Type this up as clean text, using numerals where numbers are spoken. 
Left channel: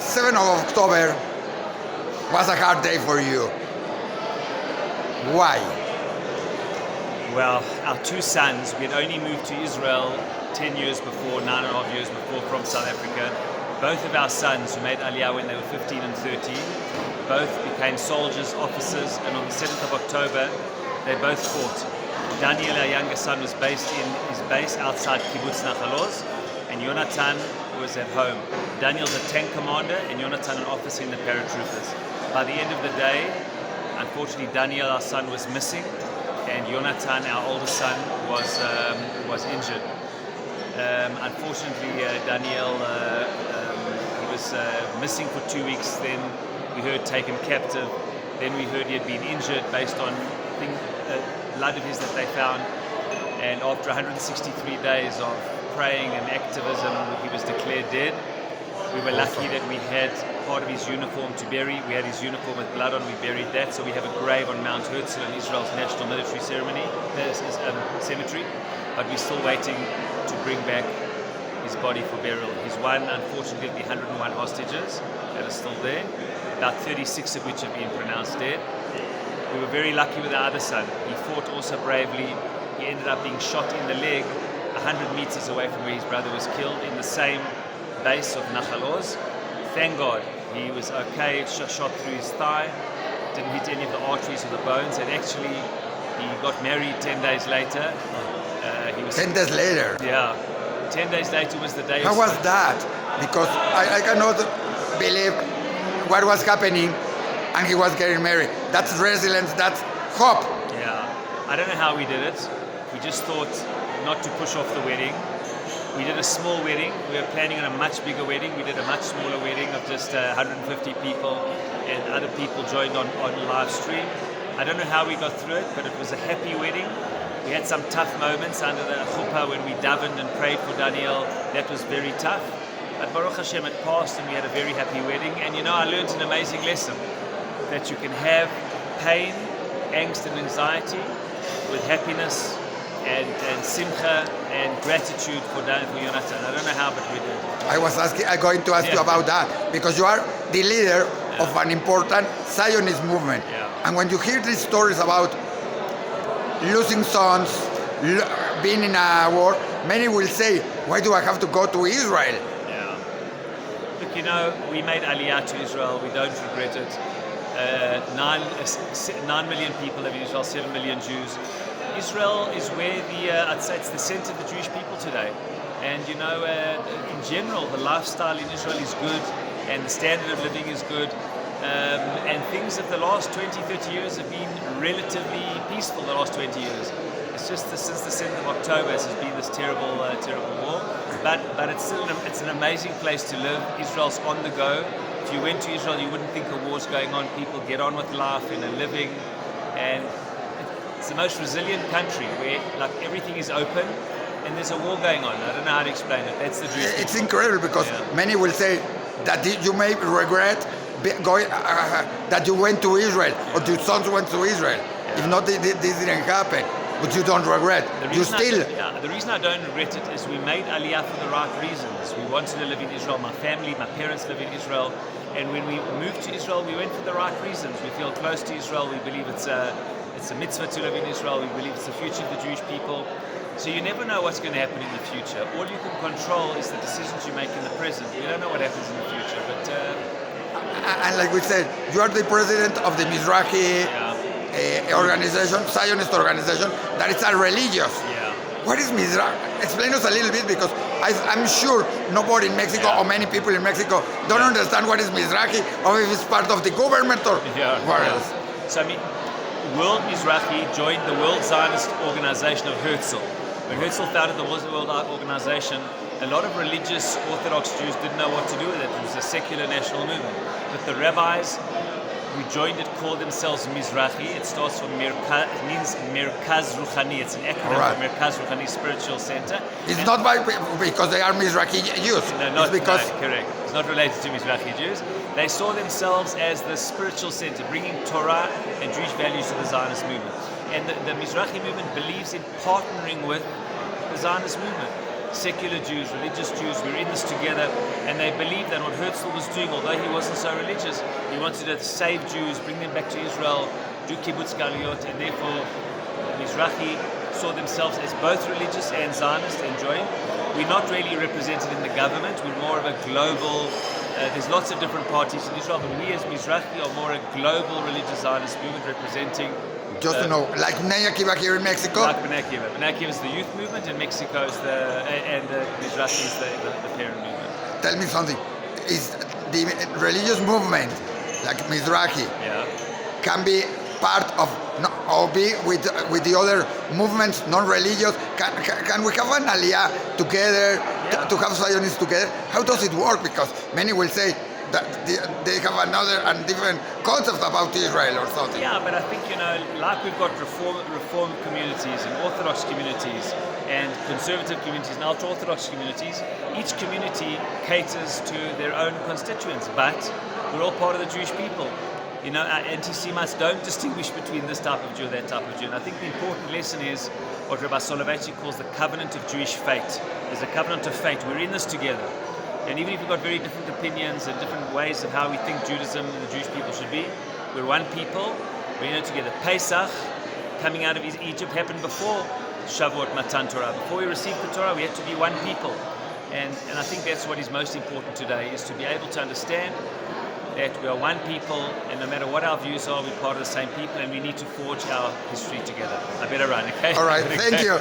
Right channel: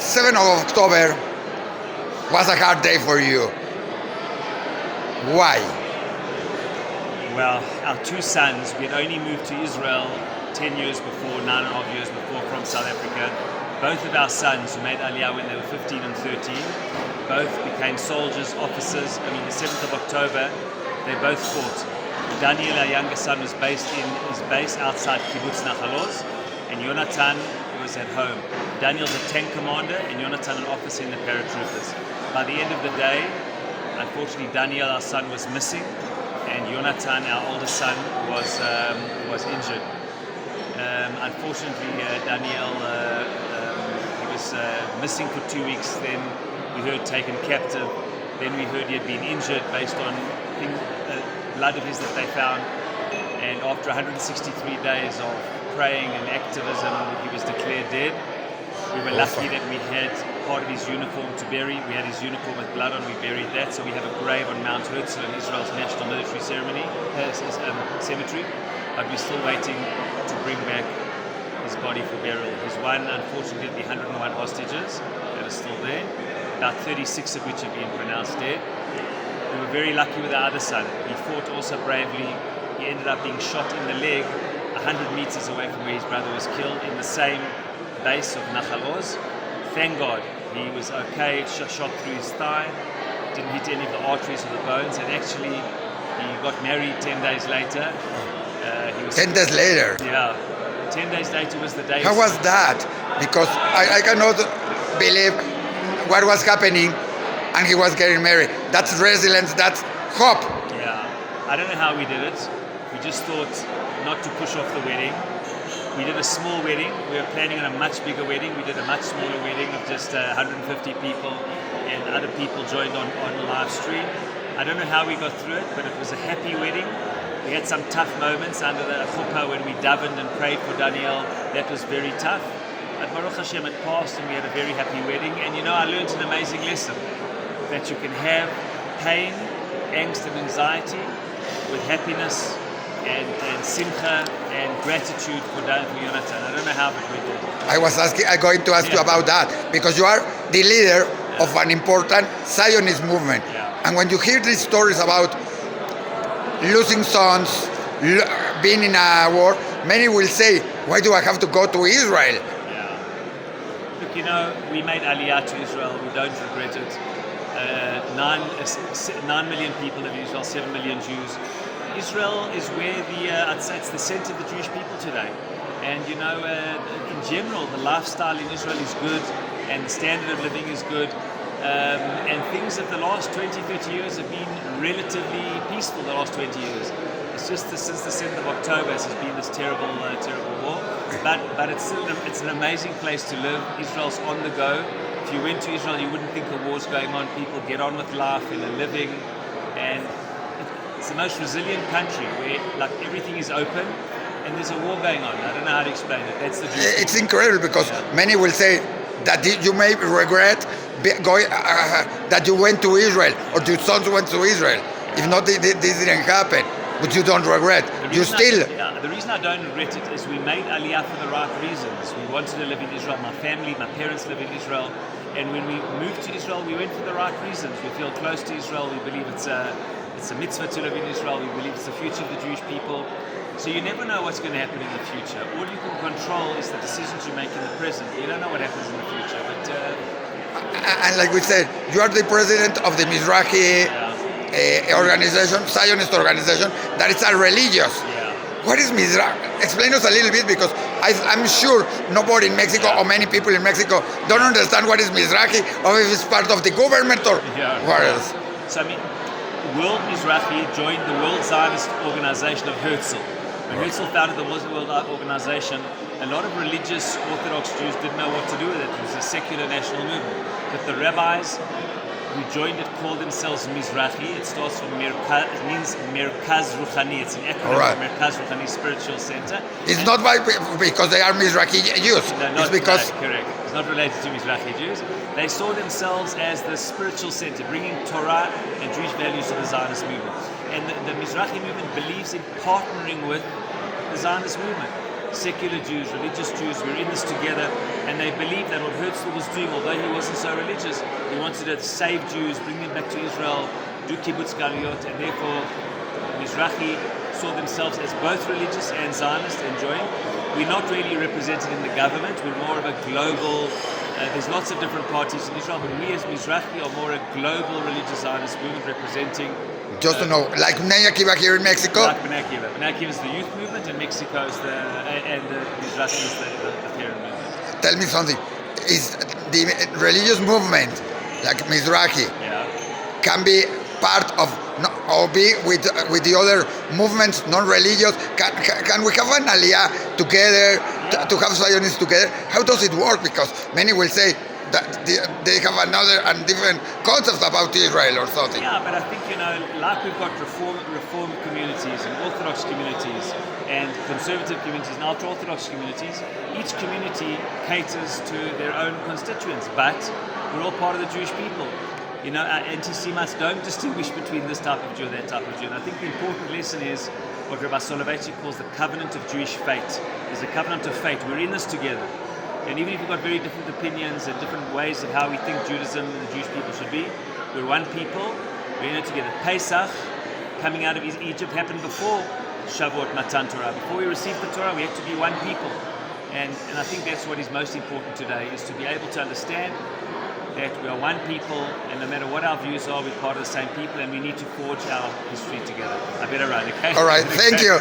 7th of October was a hard day for you. Why? Well, our two sons, we had only moved to Israel 10 years before, 9.5 years before from South Africa. Both of our sons, who made Aliyah when they were 15 and 13, both became soldiers, officers, and on the 7th of October, they both fought. Daniel, our younger son, was based in his base outside Kibbutz Nachal Oz, and Yonatan was at home. Daniel's a tank commander, and Yonatan an officer in the paratroopers. By the end of the day, unfortunately, Daniel, our son, was missing, and Yonatan, our oldest son, was injured. Unfortunately, Daniel he was missing for 2 weeks. Then we heard taken captive. Then we heard he had been injured based on blood of his that they found. And after 163 days of praying and activism, he was declared dead. We were lucky that we had part of his uniform to bury. We had his uniform with blood on. We buried that. So we have a grave on Mount Herzl in Israel's National Military Cemetery. But we're still waiting to bring back his body for burial. He's one, unfortunately, 101 hostages that are still there, about 36 of which have been pronounced dead. We were very lucky with our other son. He fought also bravely. He ended up being shot in the leg 100 meters away from where his brother was killed in the same base of Nachal Oz. Thank God he was okay, shot through his thigh, didn't hit any of the arteries or the bones, and actually he got married 10 days later. 10 days later. Yeah, 10 days later was the day. How was that? Because I cannot believe what was happening and he was getting married. That's resilience, that's hope. Yeah, I don't know how we did it. We just thought not to push off the wedding. We did a small wedding. We were planning on a much bigger wedding. We did a much smaller wedding of just 150 people, and other people joined on live stream. I don't know how we got through it, but it was a happy wedding. We had some tough moments under the chuppah when we davened and prayed for Daniel. That was very tough. But Baruch Hashem, it passed and we had a very happy wedding. And you know, I learned an amazing lesson, that you can have pain, angst and anxiety with happiness and simcha and gratitude for Yonatan. I don't know how, but we did. I'm going to ask you about that, because you are the leader of an important Zionist movement. Yeah. And when you hear these stories about losing sons, being in a war, many will say, why do I have to go to Israel? Yeah. Look, you know, we made Aliyah to Israel. We don't regret it. 9 million people live in Israel, 7 million Jews. Israel is where I'd say it's the center of the Jewish people today. And you know, in general, the lifestyle in Israel is good and the standard of living is good. And things of the last 20, 30 years have been relatively peaceful the last 20 years. It's just since the 7th of October has been this terrible war. But it's an amazing place to live. Israel's on the go. If you went to Israel, you wouldn't think a war's going on. People get on with life and are living. And it's the most resilient country where like everything is open and there's a war going on. I don't know how to explain it. That's the Jewish It's incredible, because many will say that you may regret going, that you went to Israel or your sons went to Israel. If not, this didn't happen. But you don't regret. You still. The reason I don't regret it is we made Aliyah for the right reasons. We wanted to live in Israel. My family, my parents live in Israel. And when we moved to Israel, we went for the right reasons. We feel close to Israel. We believe it's a mitzvah to live in Israel. We believe it's the future of the Jewish people. So you never know what's going to happen in the future. All you can control is the decisions you make in the present. You don't know what happens in the future. But and like we said, you are the president of the Mizrahi organization, Zionist organization, that is a religious. yeah. What is Mizrahi? Explain us a little bit, because I'm sure nobody in Mexico or many people in Mexico don't understand what is Mizrahi, or if it's part of the government or what else. So I mean, World Mizrahi joined the World Zionist Organization of Herzl. When Herzl founded the World Organization, a lot of religious Orthodox Jews didn't know what to do with it. It was a secular national movement. But the rabbis who joined it called themselves Mizrahi. It starts from it means Merkaz Ruchani. It's an acronym for Merkaz Ruchani, spiritual center. It's not because they are Mizrahi Jews. No, it's because... correct. It's not related to Mizrahi Jews. They saw themselves as the spiritual center, bringing Torah and Jewish values to the Zionist movement. And the Mizrahi movement believes in partnering with the Zionist movement. secular Jews, religious Jews. We're in this together, and they believe that what Herzl was doing, although he wasn't so religious, he wanted to save Jews, bring them back to Israel, do kibbutz galiot, and therefore Mizrahi saw themselves as both religious and Zionist and joined. We're not really represented in the government. We're more of a global. There's lots of different parties in Israel, but we as Mizrahi are more a global religious Zionist movement representing. Just to know, like Bnei Akiva here in Mexico? Like Bnei Akiva. Bnei Akiva is the youth movement, and Mexico is and the Mizrahi is the parent movement. Tell me something. Is the religious movement, like Mizrahi, can be part of or be with the other movements, non-religious? Can we have an aliyah together, to have Zionists together? How does it work? Because many will say that they have another and different concepts about Israel or something. Yeah, but I think, like we've got reform communities and Orthodox communities and conservative communities and ultra-Orthodox communities, each community caters to their own constituents, but we're all part of the Jewish people. Anti-Semites don't distinguish between this type of Jew and that type of Jew. And I think the important lesson is what Rabbi Soloveitchik calls the covenant of Jewish fate. There's a covenant of fate. We're in this together. And even if we've got very different opinions and different ways of how we think Judaism and the Jewish people should be, we're one people. We're in it together. Pesach, coming out of Egypt, happened before Shavuot Matan Torah. Before we received the Torah, we had to be one people. And I think that's what is most important today, is to be able to understand that we are one people, and no matter what our views are, we're part of the same people, and we need to forge our history together. I better run, okay? All right, thank you.